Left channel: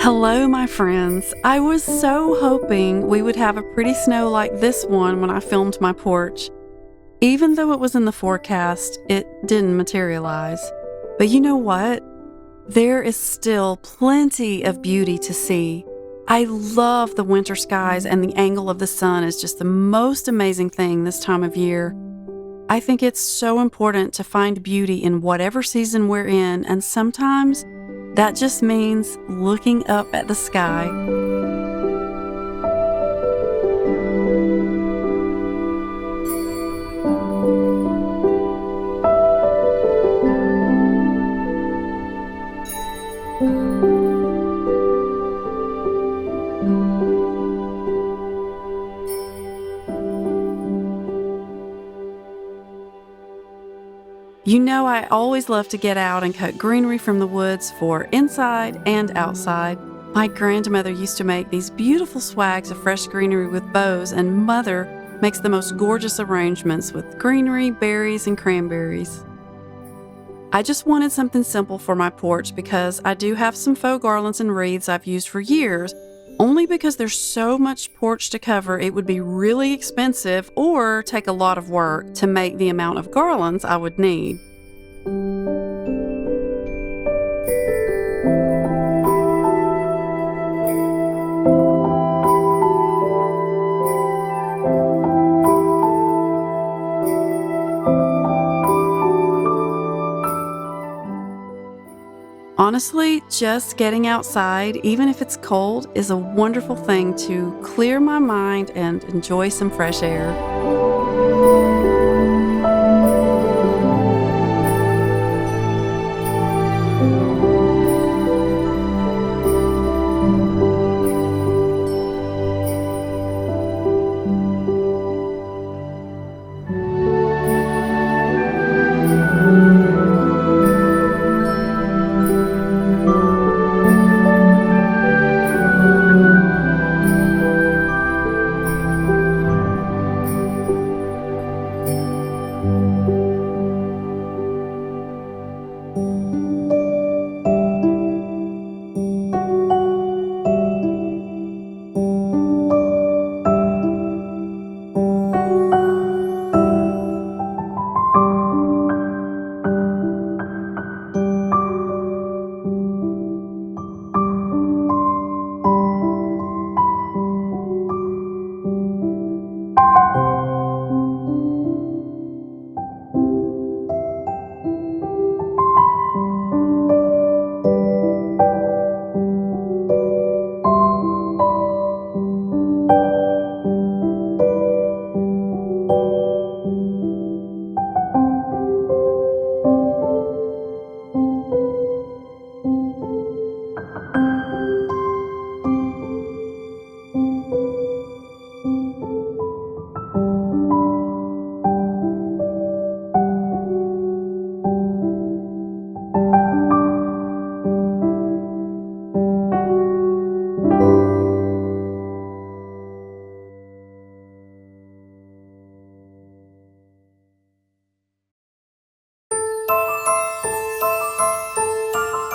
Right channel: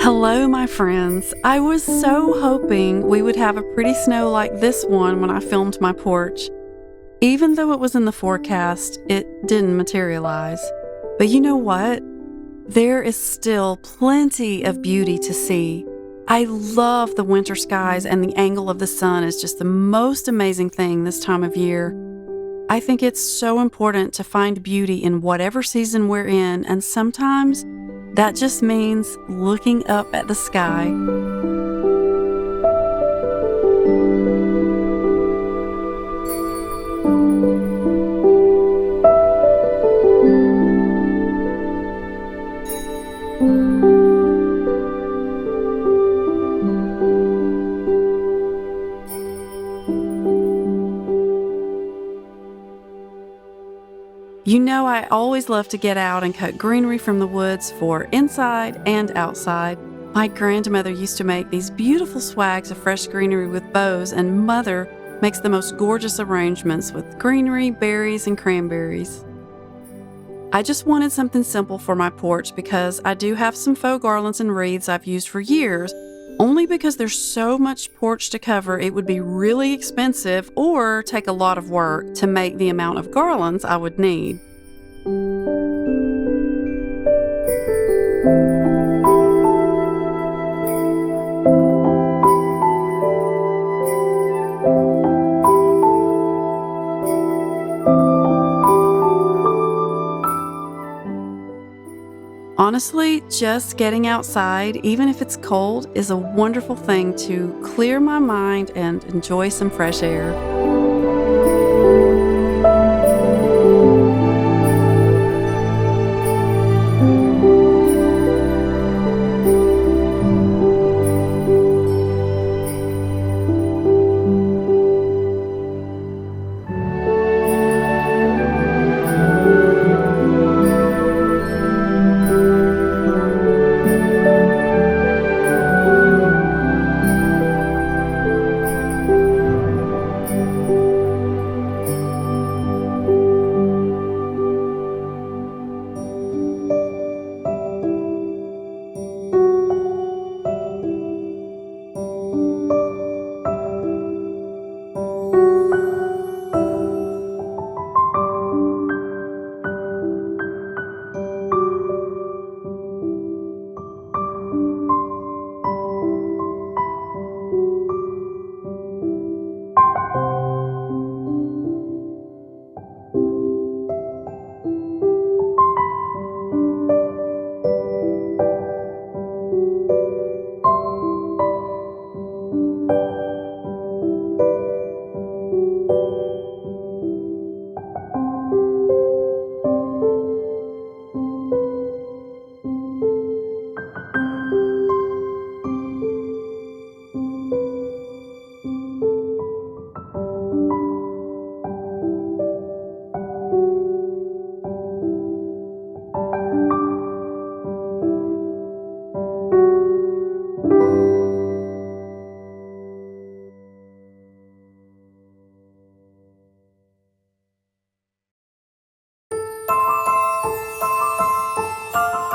Hello, my friends. I was so hoping we would have a pretty snow like this one when I filmed my porch. Even though it was in the forecast, it didn't materialize. But you know what? There is still plenty of beauty to see. I love the winter skies, and the angle of the sun is just the most amazing thing this time of year. I think it's so important to find beauty in whatever season we're in, and sometimes that just means looking up at the sky. You know, I always love to get out and cut greenery from the woods for inside and outside. My grandmother used to make these beautiful swags of fresh greenery with bows, and Mother makes the most gorgeous arrangements with greenery, berries, and cranberries. I just wanted something simple for my porch because I do have some faux garlands and wreaths I've used for years. Only because there's so much porch to cover, it would be really expensive or take a lot of work to make the amount of garlands I would need. Honestly, just getting outside, even if it's cold, is a wonderful thing to clear my mind and enjoy some fresh air.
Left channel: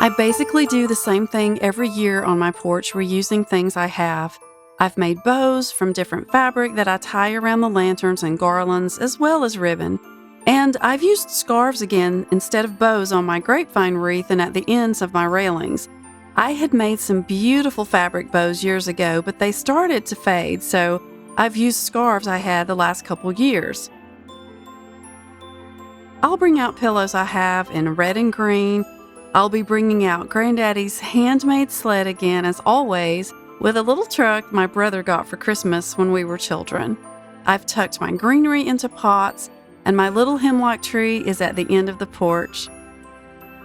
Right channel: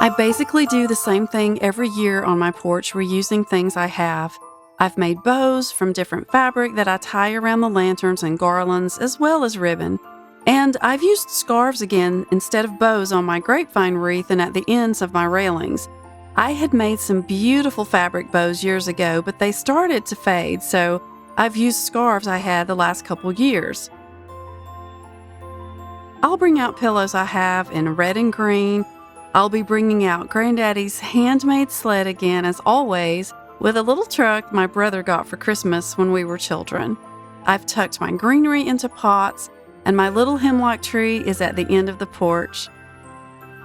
I basically do the same thing every year on my porch, reusing things I have. I've made bows from different fabric that I tie around the lanterns and garlands, as well as ribbon. And I've used scarves again instead of bows on my grapevine wreath and at the ends of my railings. I had made some beautiful fabric bows years ago, but they started to fade, so I've used scarves I had the last couple years. I'll bring out pillows I have in red and green. I'll be bringing out Granddaddy's handmade sled again, as always, with a little truck my brother got for Christmas when we were children. I've tucked my greenery into pots, and my little hemlock tree is at the end of the porch.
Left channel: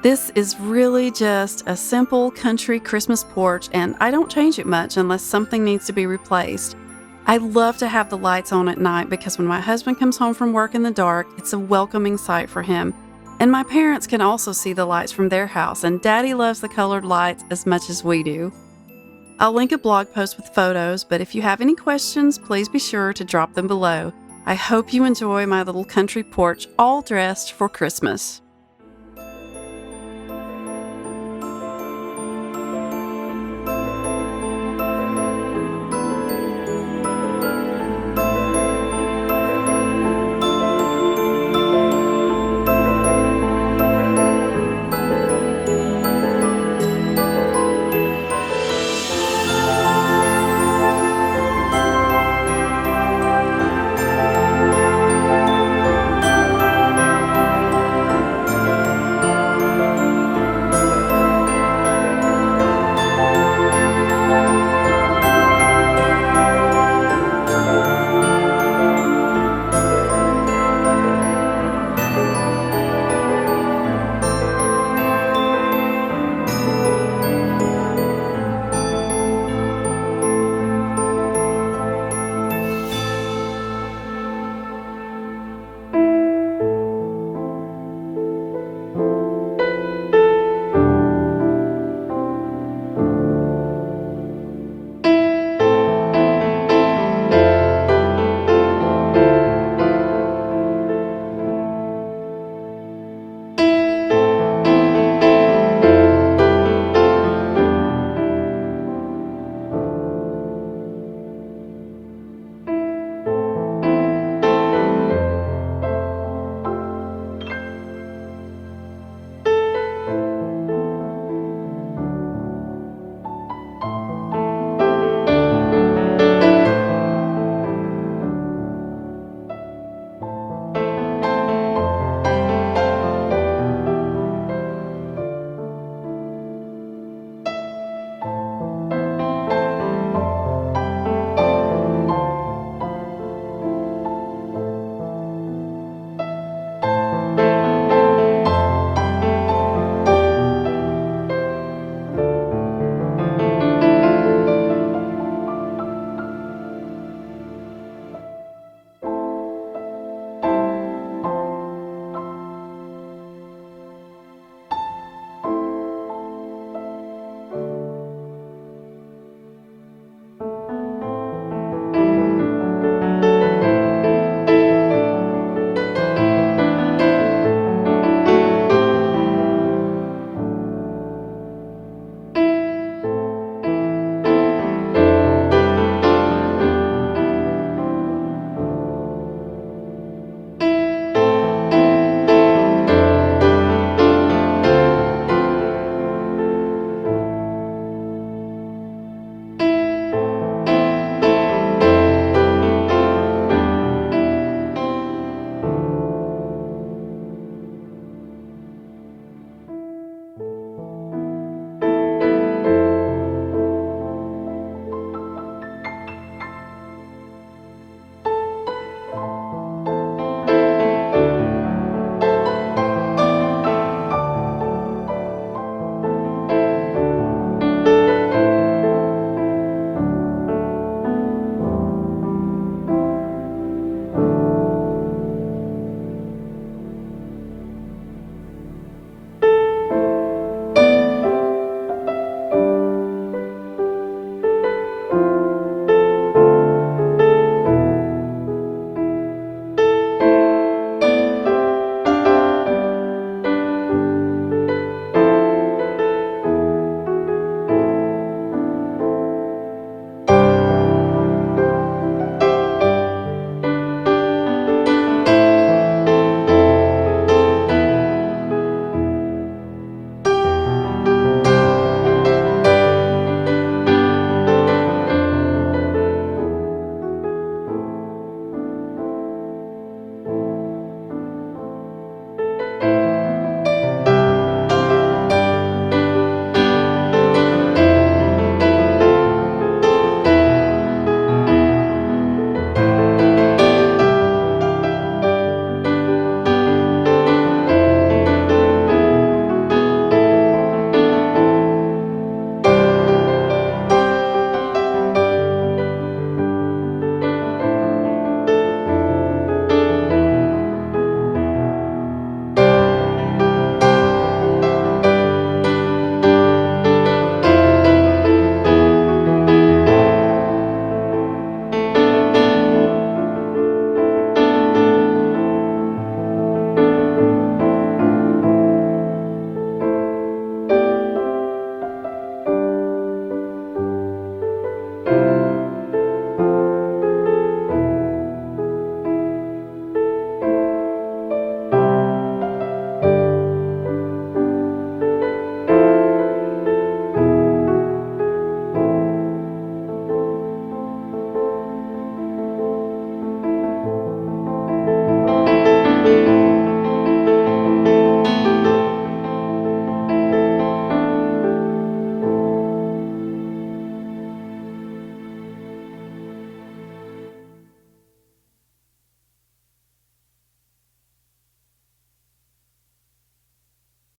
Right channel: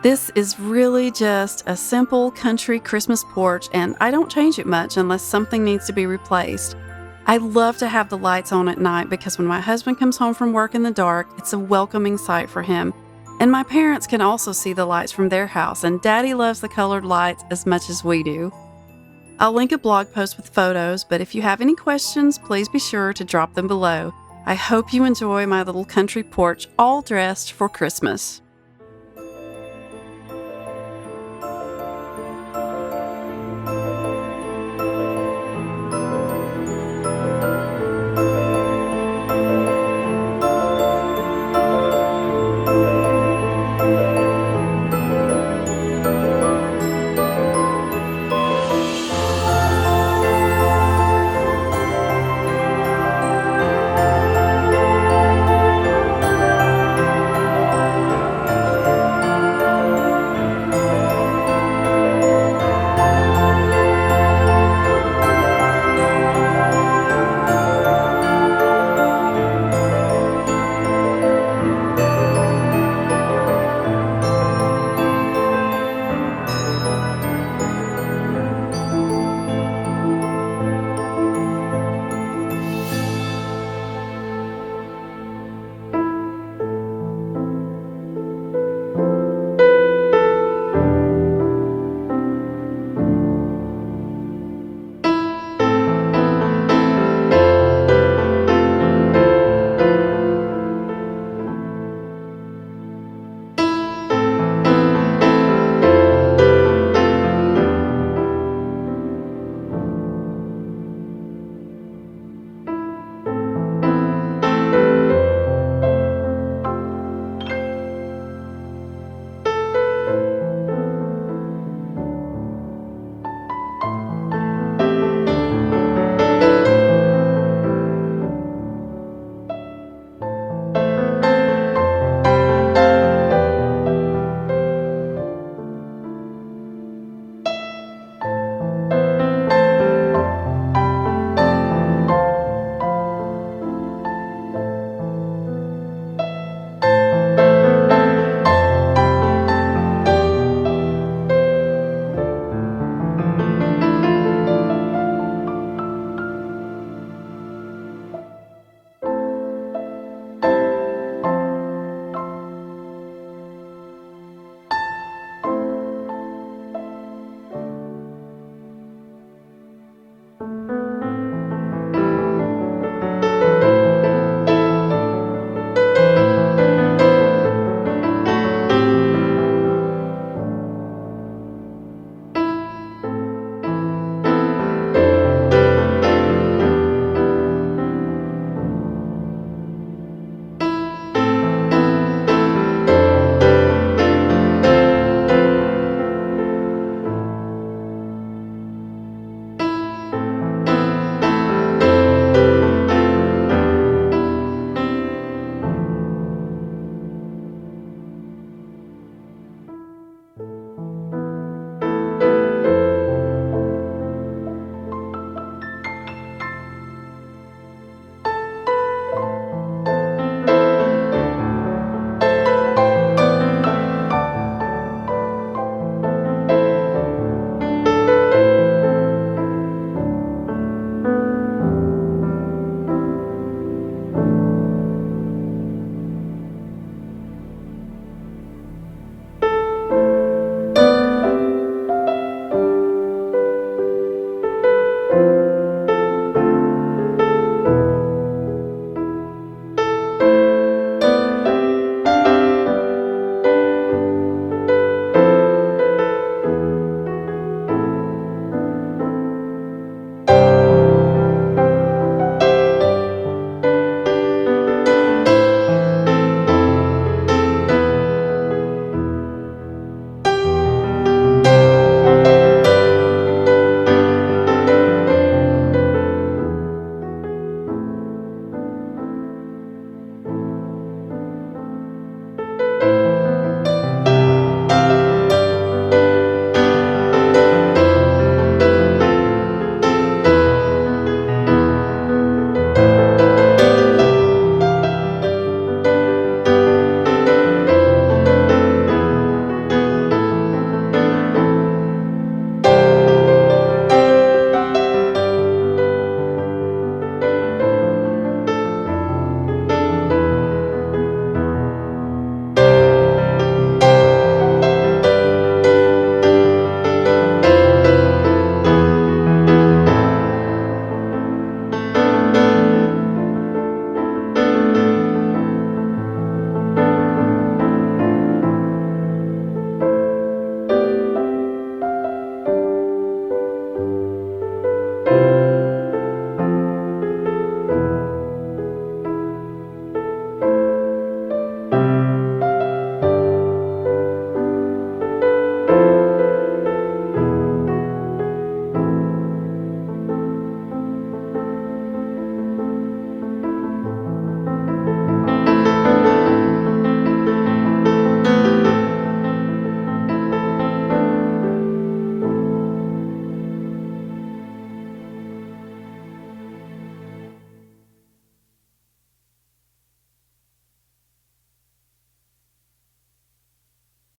This is really just a simple country Christmas porch, and I don't change it much unless something needs to be replaced. I love to have the lights on at night because when my husband comes home from work in the dark, it's a welcoming sight for him. And my parents can also see the lights from their house, and Daddy loves the colored lights as much as we do. I'll link a blog post with photos, but if you have any questions, please be sure to drop them below. I hope you enjoy my little country porch all dressed for Christmas.